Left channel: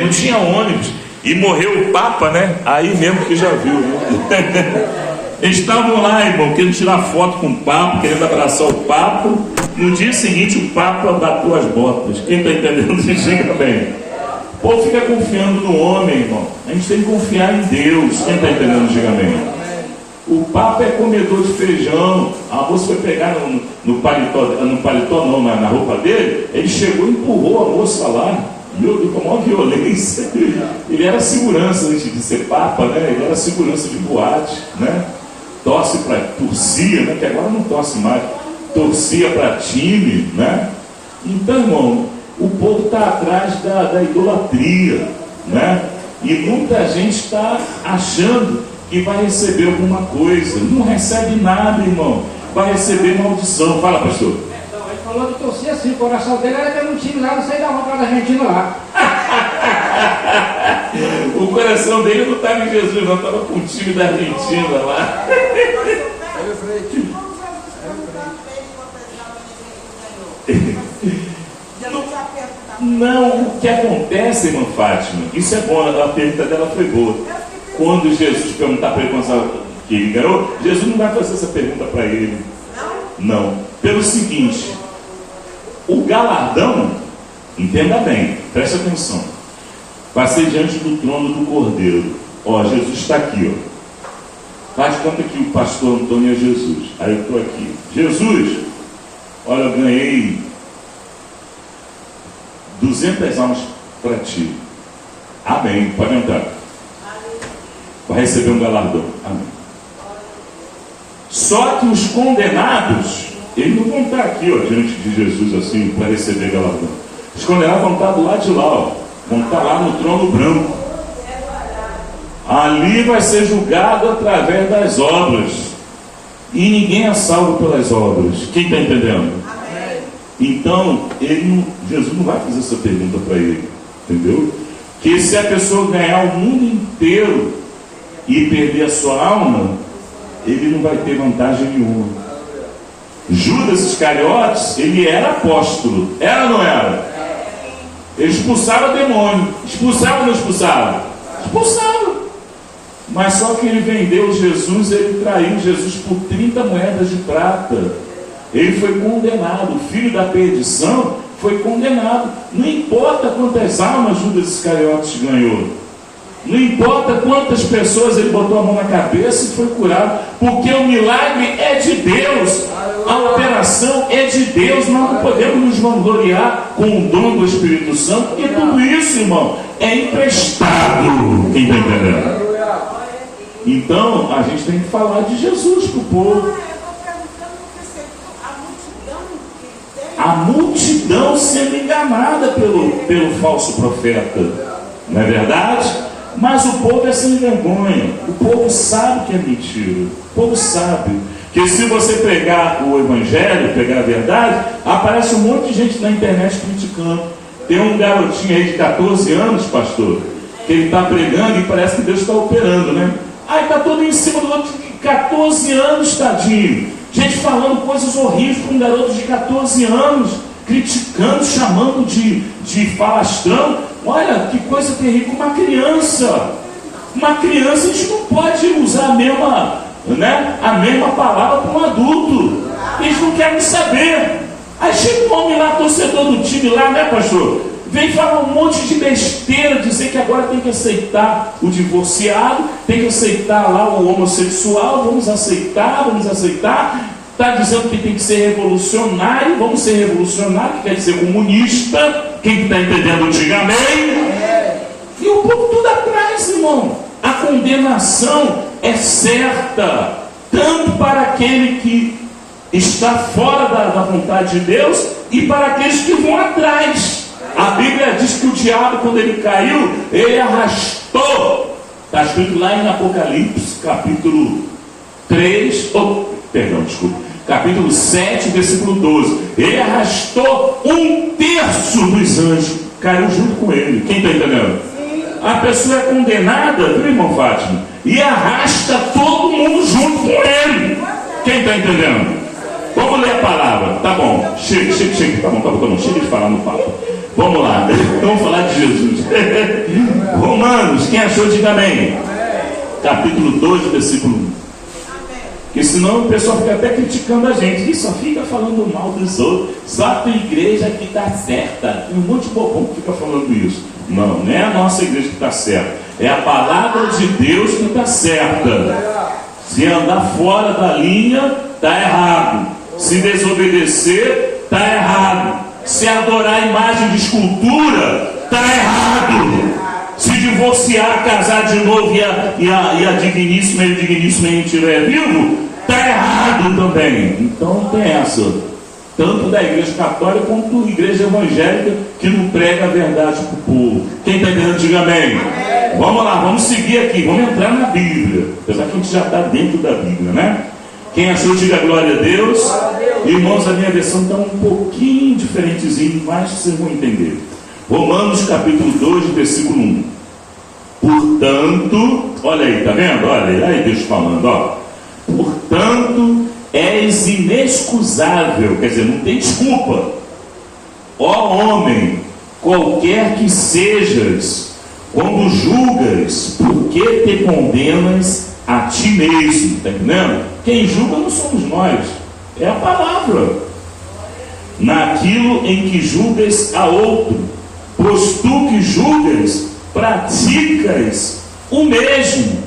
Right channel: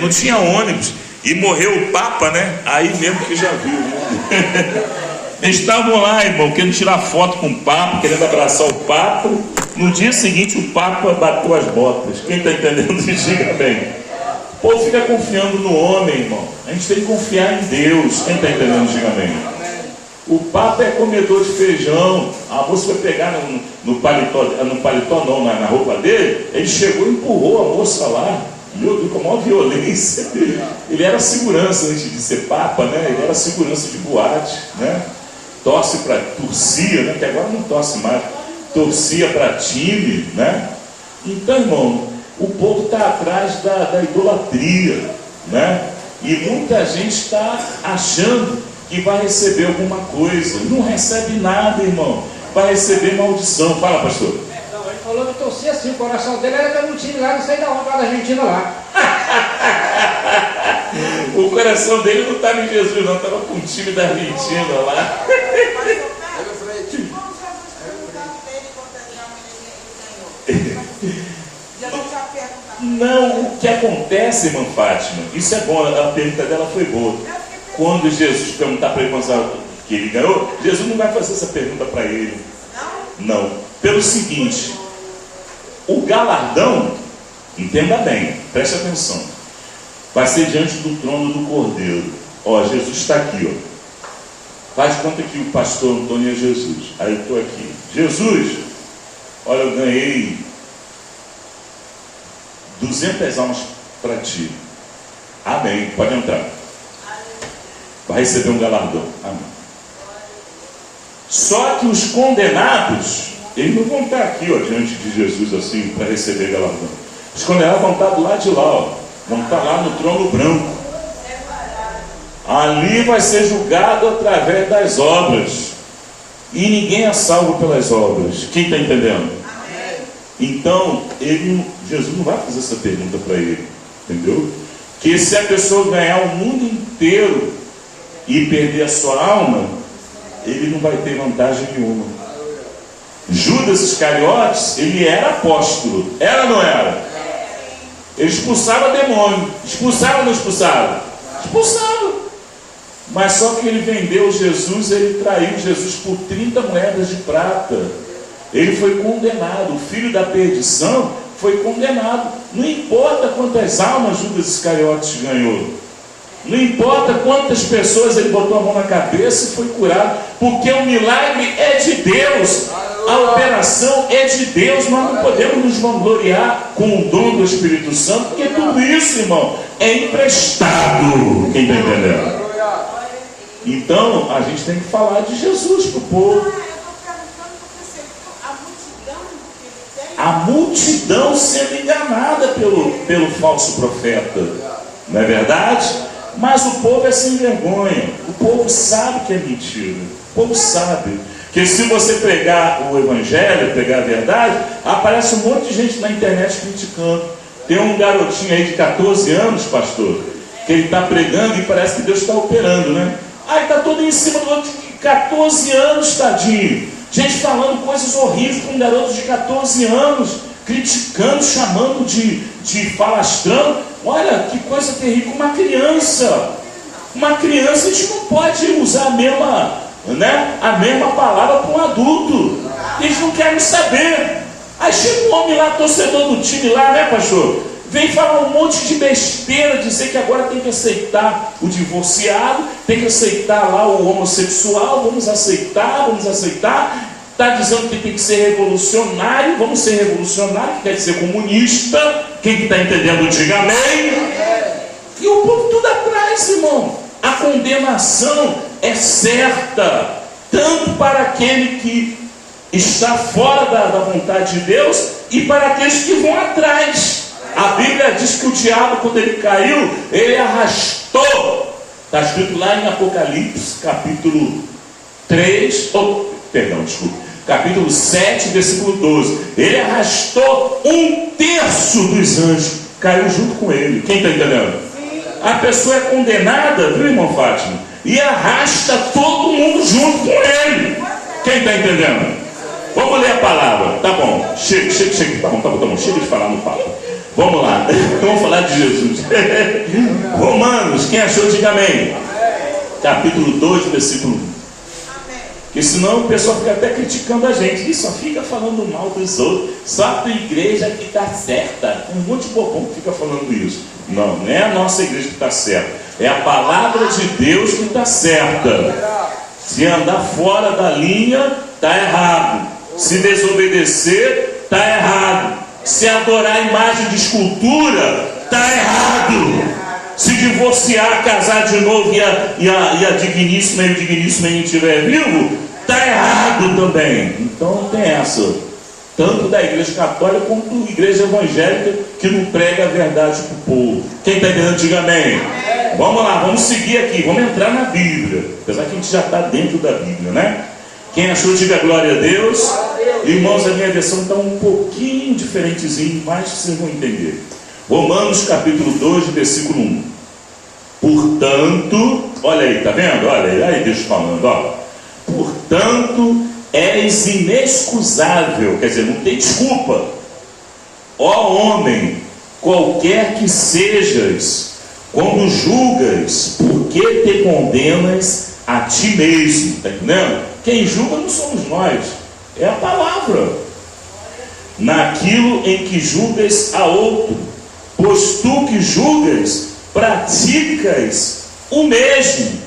Não tinha ônibus. E morreu o Papa, né? Aí mesmo que já viu, né? Eles estavam lá, irmão, querendo tirar foto com o Papa, querendo abraçar o Papa. No dia seguinte o Papa bateu as botas. Quem está entendendo, diga bem. O povo fica confiando no homem, irmão. A gente tem que confiar em Deus. Quem está entendendo, diga bem. O Papa é comedor de feijão. A moça foi pegar no paletó não, na roupa dele. Ele chegou e empurrou a moça lá. Meu Deus, com a maior violência. Ele era segurança antes de ser Papa, né? Ele era segurança de boate, né? Torcia, né? Que agora não torce mais. Torcia para time, né? Então, irmão, o povo está atrás da idolatria, né? E muita gente está achando que vai receber alguma coisa. Não recebe nada, irmão. Vai receber maldição. Fala, pastor. Então, ele falou que torcia assim, o coração dele era ter um time lá, não sei da onde, lá da Argentina lá. O coração dele não estava em Jesus, não, estava com o time da Argentina lá. Não, o que acontece, irmã Fátima, isso é bom, a pergunta dela foi boa. Quando Jesus perguntar para ele que ele ganhou, Jesus não vai fazer essa pergunta para ele. Não. Pelo seguinte, o galardão, entenda bem, preste atenção, vai ser diante do trono do Cordeiro. Ó, Jesus está aqui, ó. Faz de conta que o pastor Antônio é Jesus. Aí eu estou aqui. Jesus, olha, eu ganhei 200 almas para ti. Amém. Pode entrar. Vai receber um galardão. Amém. Só que os condenados, eles não vão estar aqui, ó, diante de Jesus assim, para receber galardão. Os condenados vão estar do lado de lá, ó. Vão estar lá no trono branco. Ali vai ser julgado através das obras. E ninguém é salvo pelas obras. Quem está entendendo? Então, Jesus não vai fazer essa pergunta para ele. Entendeu? Que se a pessoa ganhar o mundo inteiro e perder a sua alma, ele não vai ter vantagem nenhuma. Judas Iscariotes, ele era apóstolo. Era ou não era? Ele expulsava demônio. Expulsava ou não expulsava? Expulsava. Mas só que ele vendeu Jesus, ele traiu Jesus por 30 moedas de prata. Ele foi condenado. O filho da perdição foi condenado. Não importa quantas almas Judas Iscariotes ganhou. Não importa quantas pessoas ele botou a mão na cabeça e foi curado. Porque o milagre é de Deus. A operação é de Deus. Nós não podemos nos vangloriar com o dom do Espírito Santo, porque tudo isso, irmão, é emprestado. Quem está entendendo? Então, a gente tem que falar de Jesus para o povo. A multidão sendo enganada pelo falso profeta. Não é verdade? Mas o povo é sem vergonha. O povo sabe que é mentira. O povo sabe que se você pegar o evangelho, pegar a verdade, aparece um monte de gente na internet criticando. Tem um garotinho aí de 14 anos, pastor, que ele está pregando e parece que Deus está operando, né? Aí está todo em cima do outro de 14 anos, tadinho. Gente falando coisas horríveis com um garoto de 14 anos, criticando, chamando de falastrão. Olha, que coisa terrível. Uma criança, a gente não pode usar a mesma palavra para um adulto. Eles não querem saber. Aí chega um homem lá, torcedor do time lá, né, pastor? Vem falar um monte de besteira, dizer que agora tem que aceitar o divorciado, tem que aceitar lá o homossexual, vamos aceitar. Está dizendo que tem que ser revolucionário, vamos ser revolucionário, que quer dizer comunista. Quem está entendendo, diga amém. E o povo tudo atrás, irmão. A condenação é certa, tanto para aquele que está fora da vontade de Deus e para aqueles que vão atrás. A Bíblia diz que o diabo, quando ele caiu, ele arrastou. Está escrito lá em Apocalipse, capítulo capítulo 7, versículo 12. Ele arrastou 1/3 dos anjos. Caiu junto com ele. Quem está entendendo? A pessoa é condenada, viu, irmão Fátima? E arrasta todo mundo junto com ele. Quem está entendendo? Vamos ler a palavra. Tá bom, chega. Tá bom. Chega de falar no papo. Vamos lá, vamos falar de Jesus. Romanos, quem achou, diga amém. Capítulo 2, versículo 1. Porque senão o pessoal fica até criticando a gente. E só fica falando mal dos outros. Só a tua igreja que está certa. Um monte de bobão que fica falando isso. Não é a nossa igreja que está certa. É a palavra de Deus que está certa. Se andar fora da linha, está errado. Se desobedecer, está errado. Se adorar a imagem de escultura, está errado. Se divorciar, casar de novo e a digníssima e o digníssimo ainda estiver vivo, está errado também. Então não tem essa. Tanto da igreja católica quanto da igreja evangélica que não prega a verdade para o povo. Quem está entendendo, diga amém. Vamos lá, vamos seguir aqui, vamos entrar na Bíblia. Apesar que a gente já está dentro da Bíblia, né? Quem achou, diga glória a Deus. Irmãos, a minha versão está um pouquinho diferentezinho, mas vocês vão entender. Romanos capítulo 2, versículo 1. Portanto, olha aí, tá vendo? Olha aí Deus falando, ó. Portanto, és inexcusável, quer dizer, não tem desculpa. Ó homem, qualquer que sejas, quando julgas, por que te condenas a ti mesmo? Tá entendendo? Quem julga não somos nós, é a palavra. Naquilo em que julgas a outro, pois tu que julgas, praticas o mesmo.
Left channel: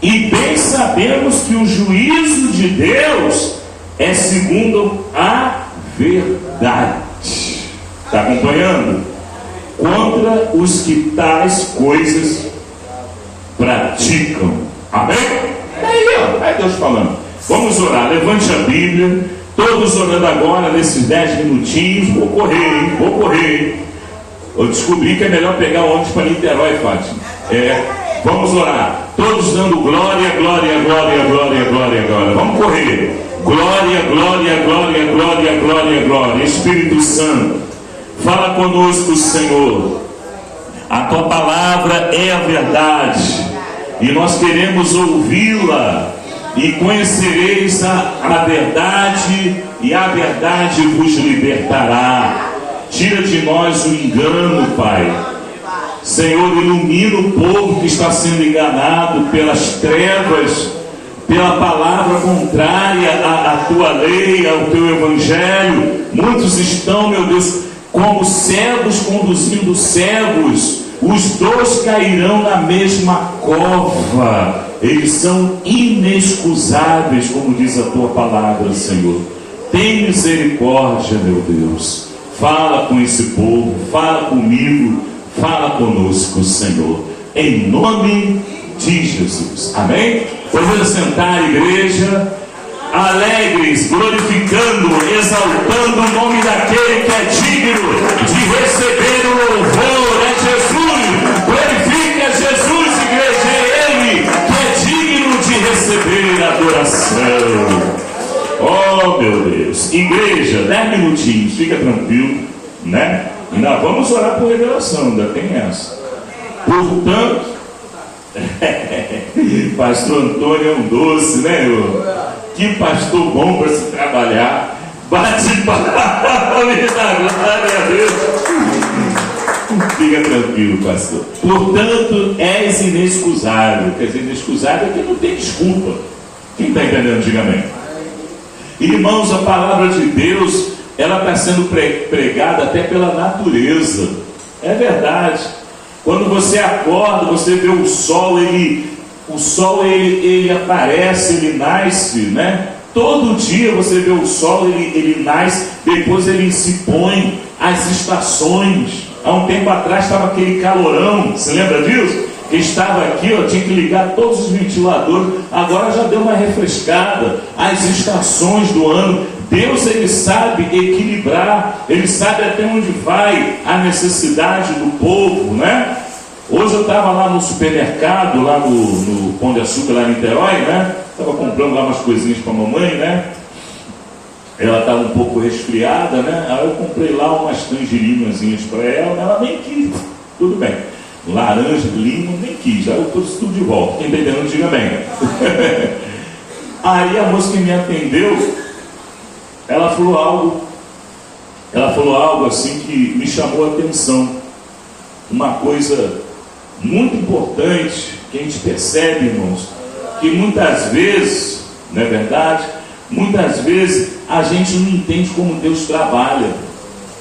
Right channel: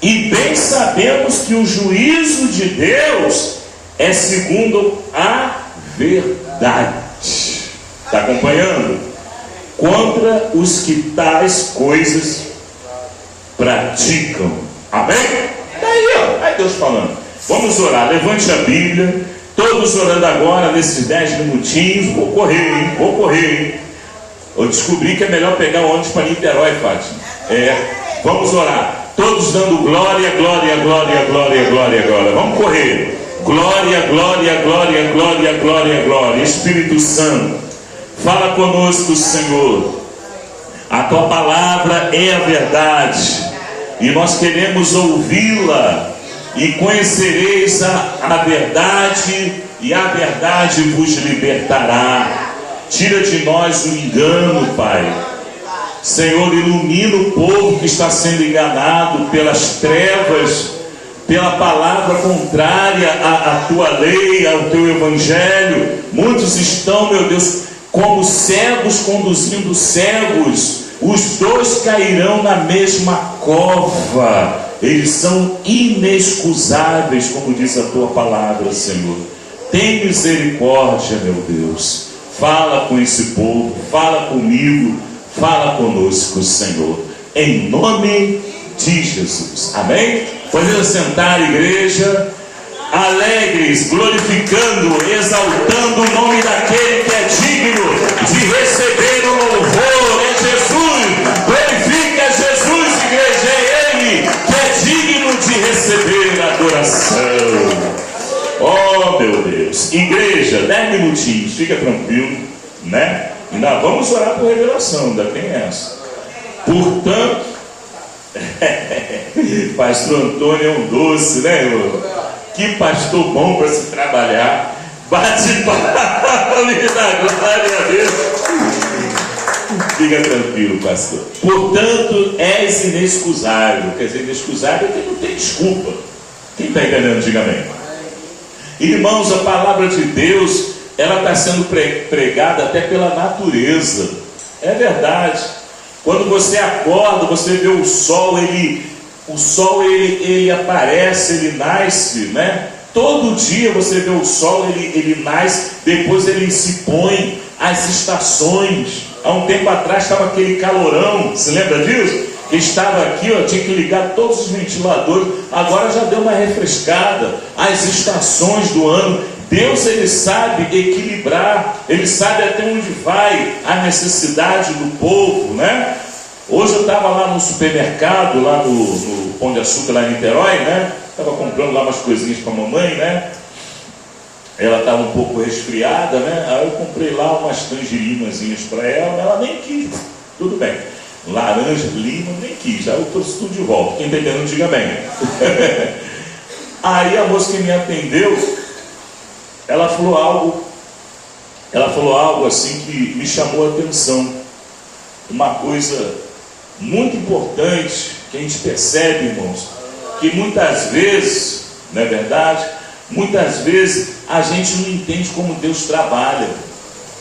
E bem sabemos que o juízo de Deus é segundo a verdade. Está acompanhando? Contra os que tais coisas praticam. Amém? Aí Deus falando. Vamos orar, levante a Bíblia. Todos orando agora, nesses 10 minutinhos. Vou correr. Eu descobri que é melhor pegar o ônibus para Niterói, Fátima. Vamos orar. Todos dando glória. Vamos correr. Glória. Espírito Santo, fala conosco, Senhor. A tua palavra é a verdade. E nós queremos ouvi-la. E conhecereis a verdade, e a verdade vos libertará. Tira de nós o engano, Pai. Senhor, ilumina o povo que está sendo enganado pelas trevas, pela palavra contrária à tua lei, ao teu evangelho. Muitos estão, meu Deus, como cegos conduzindo cegos. Os dois cairão na mesma cova. Eles são inexcusáveis, como diz a tua palavra, Senhor. Tem misericórdia, meu Deus. Fala com esse povo, fala comigo, fala conosco, Senhor, em nome de Jesus. Amém? Podemos sentar, igreja, alegres, glorificando, exaltando o nome daquele que é digno de receber o louvor. É Jesus. Glorifica Jesus, igreja. É Ele que é digno de receber a adoração. Oh, meu Deus. Igreja, 10 minutinhos, fica tranquilo, né? Ainda vamos orar por revelação, ainda tem essa. Portanto, pastor Antônio é um doce, né, irmão? Que pastor bom para se trabalhar. Bate palma e dá glória a Deus. Fica tranquilo, pastor. Portanto, és inexcusável. Quer dizer, inexcusável é que não tem desculpa. Quem está entendendo, diga amém. Irmãos, a palavra de Deus, ela está sendo pregada até pela natureza. É verdade. Quando você acorda, você vê o sol, ele aparece, ele nasce, né? Todo dia você vê o sol, ele nasce, depois ele se põe, as estações. Há um tempo atrás estava aquele calorão, você lembra disso? Estava aqui, ó, tinha que ligar todos os ventiladores, agora já deu uma refrescada. As estações do ano, Deus, ele sabe equilibrar, ele sabe até onde vai a necessidade do povo, né? Hoje eu estava lá no supermercado, lá no Pão de Açúcar, lá em Niterói, né? Estava comprando lá umas coisinhas para a mamãe, né? Ela estava um pouco resfriada, né? Aí eu comprei lá umas tangerinazinhas para ela nem quis, tudo bem. Laranja, limão, nem quis. Aí eu trouxe tudo de volta. Quem está entendendo, diga bem. Aí a moça que me atendeu, ela falou algo assim que me chamou a atenção. Uma coisa muito importante que a gente percebe, irmãos, que muitas vezes, não é verdade? Muitas vezes a gente não entende como Deus trabalha.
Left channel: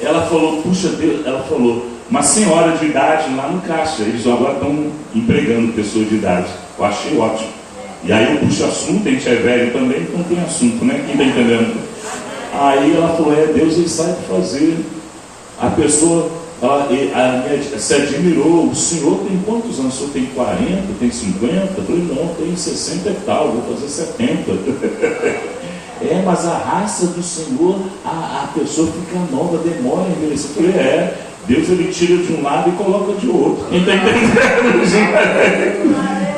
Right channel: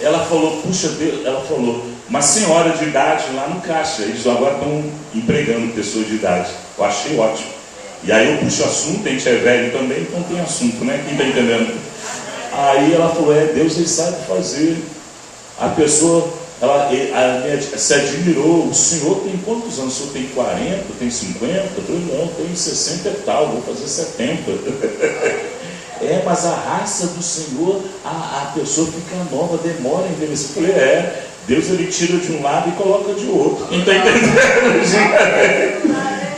Ela falou, puxa Deus, ela falou, uma senhora de idade lá no caixa, eles agora estão empregando pessoas de idade. Eu achei ótimo. E aí eu puxo assunto, a gente é velho também, então tem assunto, né? Quem está entendendo? Aí ela falou, Deus ele sabe fazer. A pessoa, se admirou, o senhor tem quantos anos? O senhor tem 40, tem 50? Eu falei, não, tem 60 e tal, vou fazer 70. Mas a raça do Senhor, a pessoa fica nova, demora a envelhecer. Eu falei, Deus ele tira de um lado e coloca de outro. Quem está entendendo?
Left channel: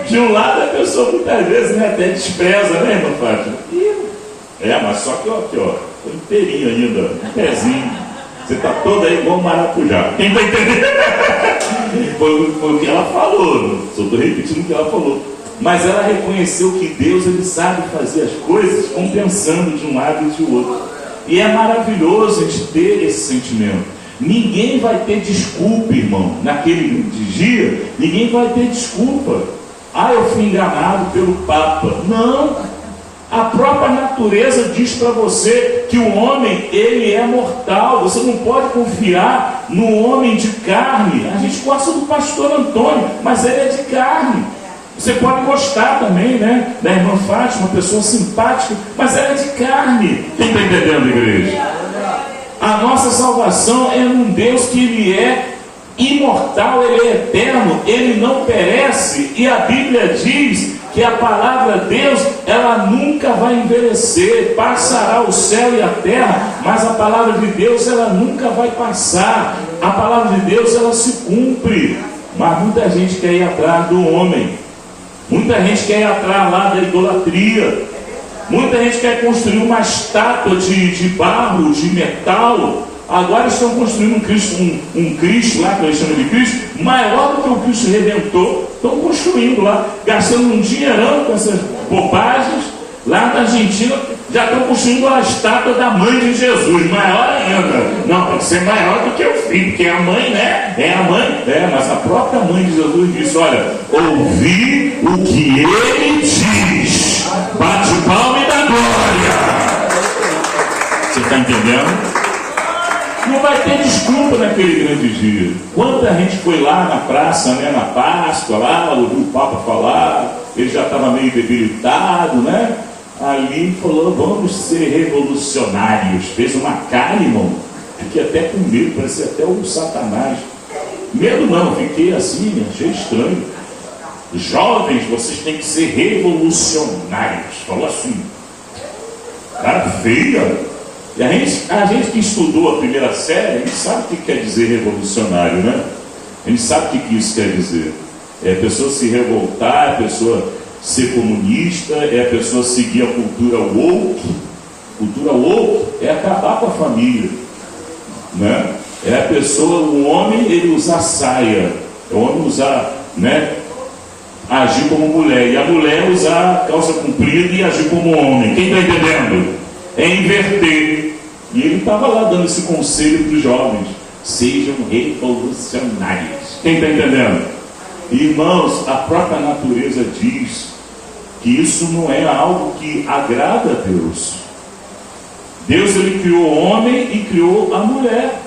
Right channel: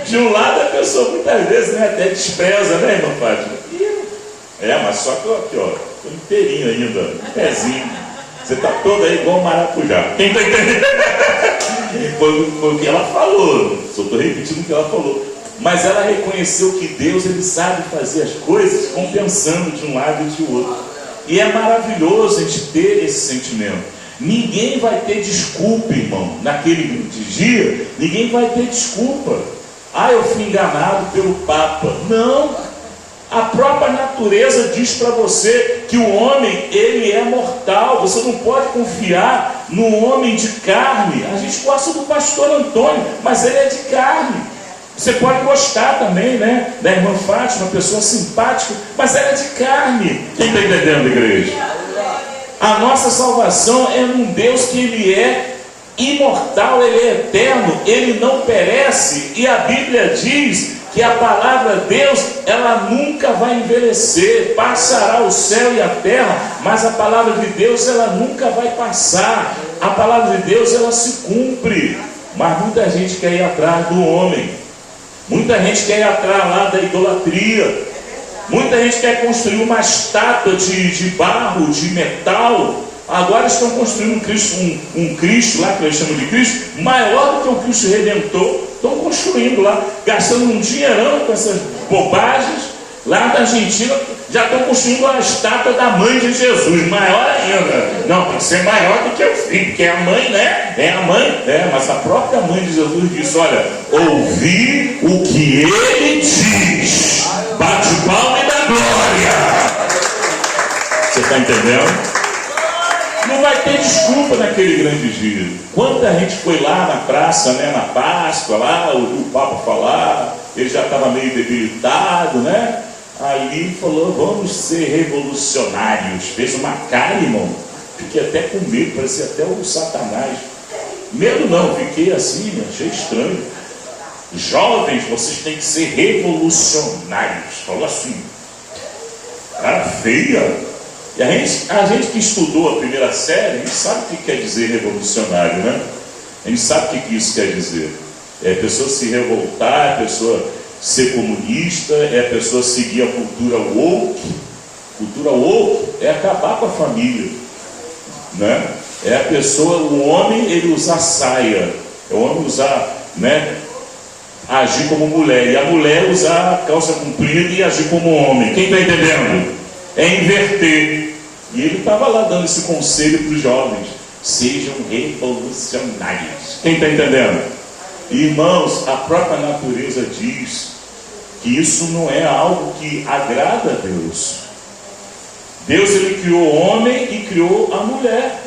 De um lado a pessoa muitas vezes até despreza, né, irmã Fátima? Mas só que aqui, ó, tô inteirinho ainda, um pezinho. Você está toda aí igual um maracujá. Quem está entendendo? Foi o que ela falou, só estou repetindo o que ela falou. Mas ela reconheceu que Deus ele sabe fazer as coisas compensando de um lado e de outro. E é maravilhoso a gente ter esse sentimento. Ninguém vai ter desculpa, irmão, naquele dia. Ninguém vai ter desculpa. Eu fui enganado pelo Papa. Não. A própria natureza diz para você que o homem, ele é mortal. Você não pode confiar no homem de carne. A gente gosta do pastor Antônio, mas ele é de carne. Você pode gostar também, né, da irmã Fátima, uma pessoa simpática, mas ela é de carne. Quem está entendendo, igreja? A nossa salvação é num Deus que ele é imortal, ele é eterno, ele não perece. E a Bíblia diz que a palavra Deus, ela nunca vai envelhecer. Passará o céu e a terra, mas a palavra de Deus, ela nunca vai passar. A palavra de Deus, ela se cumpre. Mas muita gente quer ir atrás do homem. Muita gente quer ir atrás lá da idolatria. Muita gente quer construir uma estátua de barro, de metal. Agora estão construindo um Cristo lá, que eles chamam de Cristo, maior do que o Cristo Redentor. Estão construindo lá, gastando um dinheirão com essas bobagens. Lá na Argentina já estão construindo a estátua da mãe de Jesus, maior ainda. Não, tem que ser maior do que o filho, porque é a mãe, né? É a mãe. Mas a própria mãe de Jesus disse, olha, ouvi o que ele diz. Bate palma e dá glória. Você está entendendo? Não vai ter desculpa naquele grande dia. Quanta gente foi lá na praça, né, na Páscoa, lá, ouviu o Papa falar, ele já estava meio debilitado, né? Ali falou, vamos ser revolucionários. Fez uma cara, irmão. Fiquei até com medo, parecia até o Satanás. Medo não, fiquei assim, achei estranho. Jovens, vocês têm que ser revolucionários. Falou assim. Cara feia. E a gente que estudou a primeira série, a gente sabe o que quer dizer revolucionário, né? A gente sabe o que isso quer dizer. É a pessoa se revoltar, a pessoa ser comunista, é a pessoa seguir a cultura woke. Cultura woke é acabar com a família, né? É a pessoa, o homem, ele usar saia, é o homem usar, né, agir como mulher, e a mulher usar calça comprida e agir como homem. Quem está entendendo? É inverter. E ele estava lá dando esse conselho para os jovens: sejam revolucionários. Quem está entendendo? Irmãos, a própria natureza diz que isso não é algo que agrada a Deus. Deus, ele criou o homem e criou a mulher.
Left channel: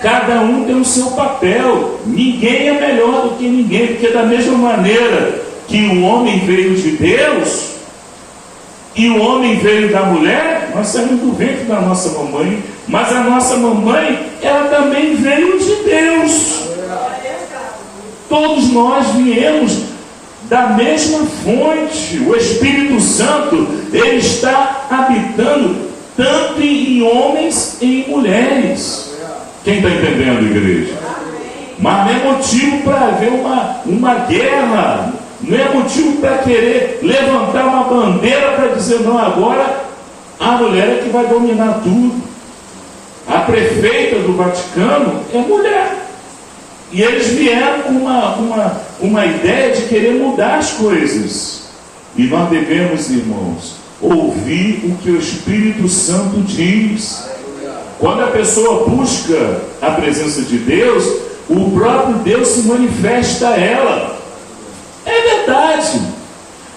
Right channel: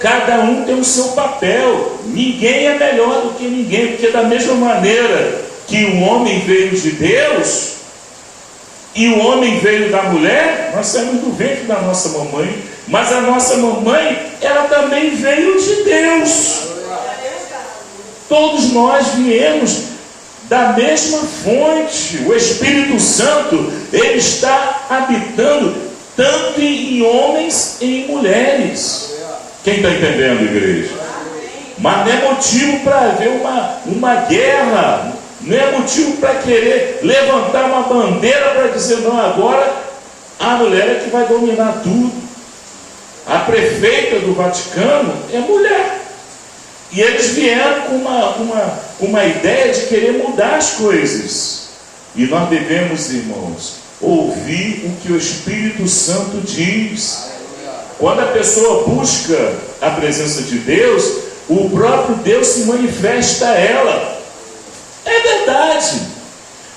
Cada um tem o seu papel. Ninguém é melhor do que ninguém, porque da mesma maneira que o homem veio de Deus e o homem veio da mulher, nós saímos do ventre da nossa mamãe, mas a nossa mamãe, ela também veio de Deus. Todos nós viemos da mesma fonte. O Espírito Santo, ele está habitando tanto em homens e em mulheres. Quem está entendendo, igreja? Mas não é motivo para haver uma guerra, não é motivo para querer levantar uma bandeira para dizer, não, agora a mulher é que vai dominar tudo. A prefeita do Vaticano é mulher. E eles vieram com uma ideia de querer mudar as coisas. E nós devemos, irmãos, ouvir o que o Espírito Santo diz. Quando a pessoa busca a presença de Deus, o próprio Deus se manifesta a ela. É verdade.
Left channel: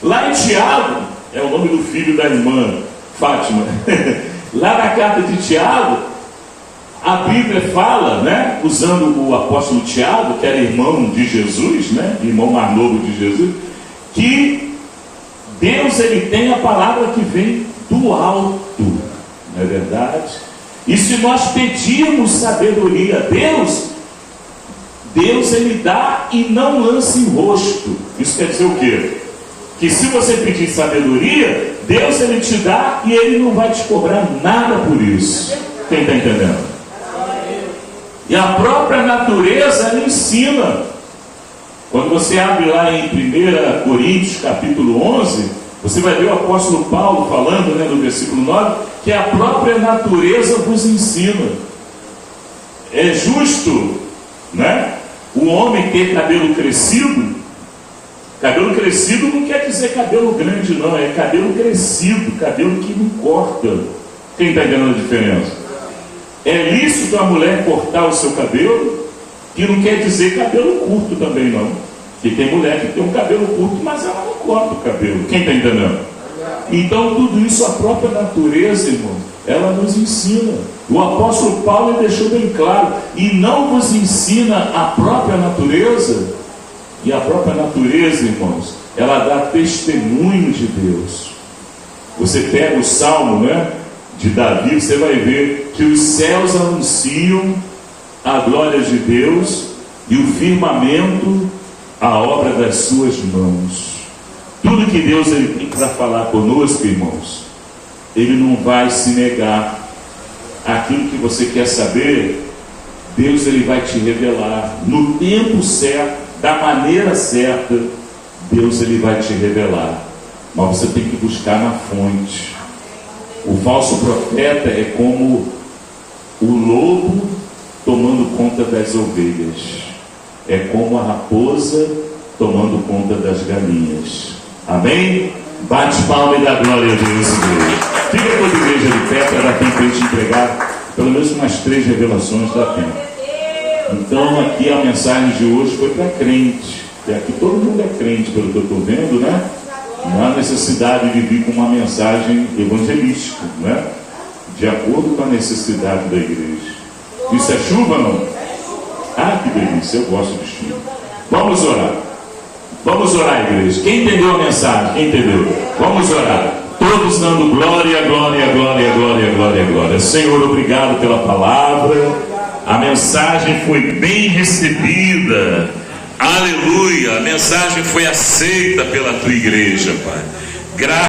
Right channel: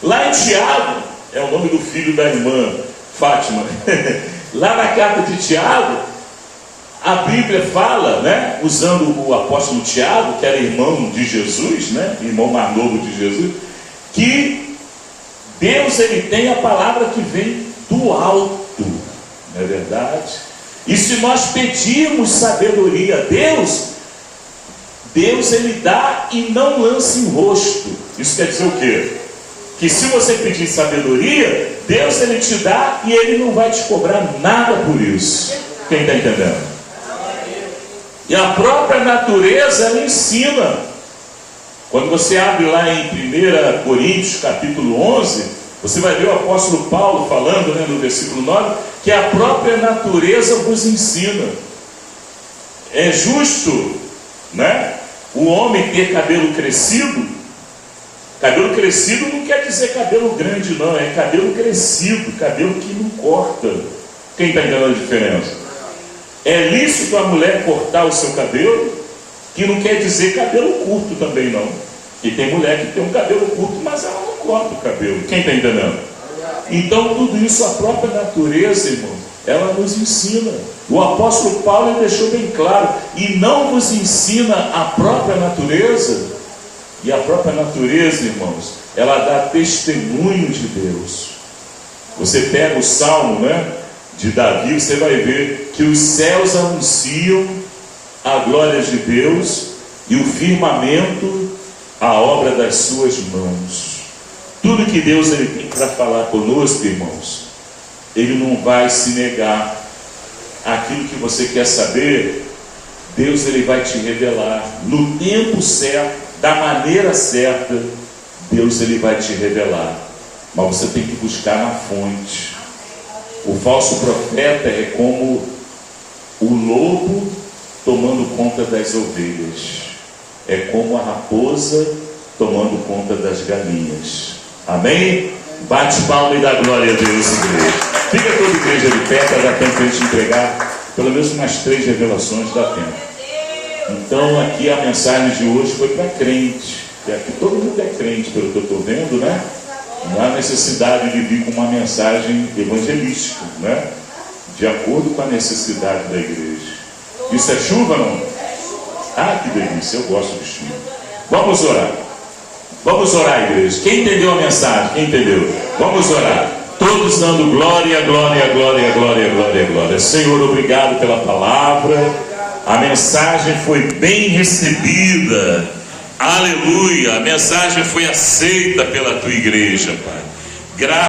Lá em Tiago, é o nome do filho da irmã Fátima, lá na carta de Tiago, a Bíblia fala, né, usando o apóstolo Tiago, que era irmão de Jesus, né, irmão mais novo de Jesus, que Deus, ele tem a palavra que vem do alto, não é verdade? E se nós pedirmos sabedoria a Deus, Deus ele dá e não lança em rosto. Isso quer dizer o quê? Que se você pedir sabedoria, Deus ele te dá e ele não vai te cobrar nada por isso. Quem está entendendo? E a própria natureza ela ensina. Quando você abre lá em 1 Coríntios capítulo 11, você vai ver o apóstolo Paulo falando, né, no versículo 9, que a própria natureza vos ensina. É justo, né, o homem ter cabelo crescido. Cabelo crescido não quer dizer cabelo grande, não. É cabelo crescido, cabelo que não corta. Quem está entendendo a diferença? É lícito a mulher cortar o seu cabelo, que não quer dizer cabelo curto também, não. E tem mulher que tem um cabelo curto, mas ela não corta o cabelo. Quem está entendendo? Então tudo isso, a própria natureza, irmão, ela nos ensina. O apóstolo Paulo deixou bem claro: e não vos ensina a própria natureza? E a própria natureza, irmãos, ela dá testemunho de Deus. Você pega o Salmo, né, de Davi, você vai ver que os céus anunciam a glória de Deus e o firmamento a obra das suas mãos. Tudo que Deus ele tem para falar conosco, irmãos, ele não vai se negar. Aquilo que você quer saber, Deus ele vai te revelar no tempo certo, da maneira certa. Deus ele vai te revelar, mas você tem que buscar na fonte. O falso profeta é como o lobo tomando conta das ovelhas, é como a raposa tomando conta das galinhas. Amém? Bate palma e dá glória a Deus, igreja. Fica toda a igreja de pé para dar tempo para a gente entregar pelo menos umas 3 revelações, dá tempo. Então aqui a mensagem de hoje foi para crente, que aqui todo mundo é crente, pelo que eu estou vendo, né? Não há necessidade de vir com uma mensagem evangelística, né? De acordo com a necessidade da igreja. Isso é chuva, não? Ah, que delícia, eu gosto de chuva. Vamos orar. Vamos orar, igreja. Quem entendeu a mensagem? Quem entendeu? Vamos orar. Todos dando glória, glória, glória, glória, glória, glória. Senhor, obrigado pela palavra. A mensagem foi bem recebida. Aleluia. A mensagem foi aceita pela tua igreja, Pai.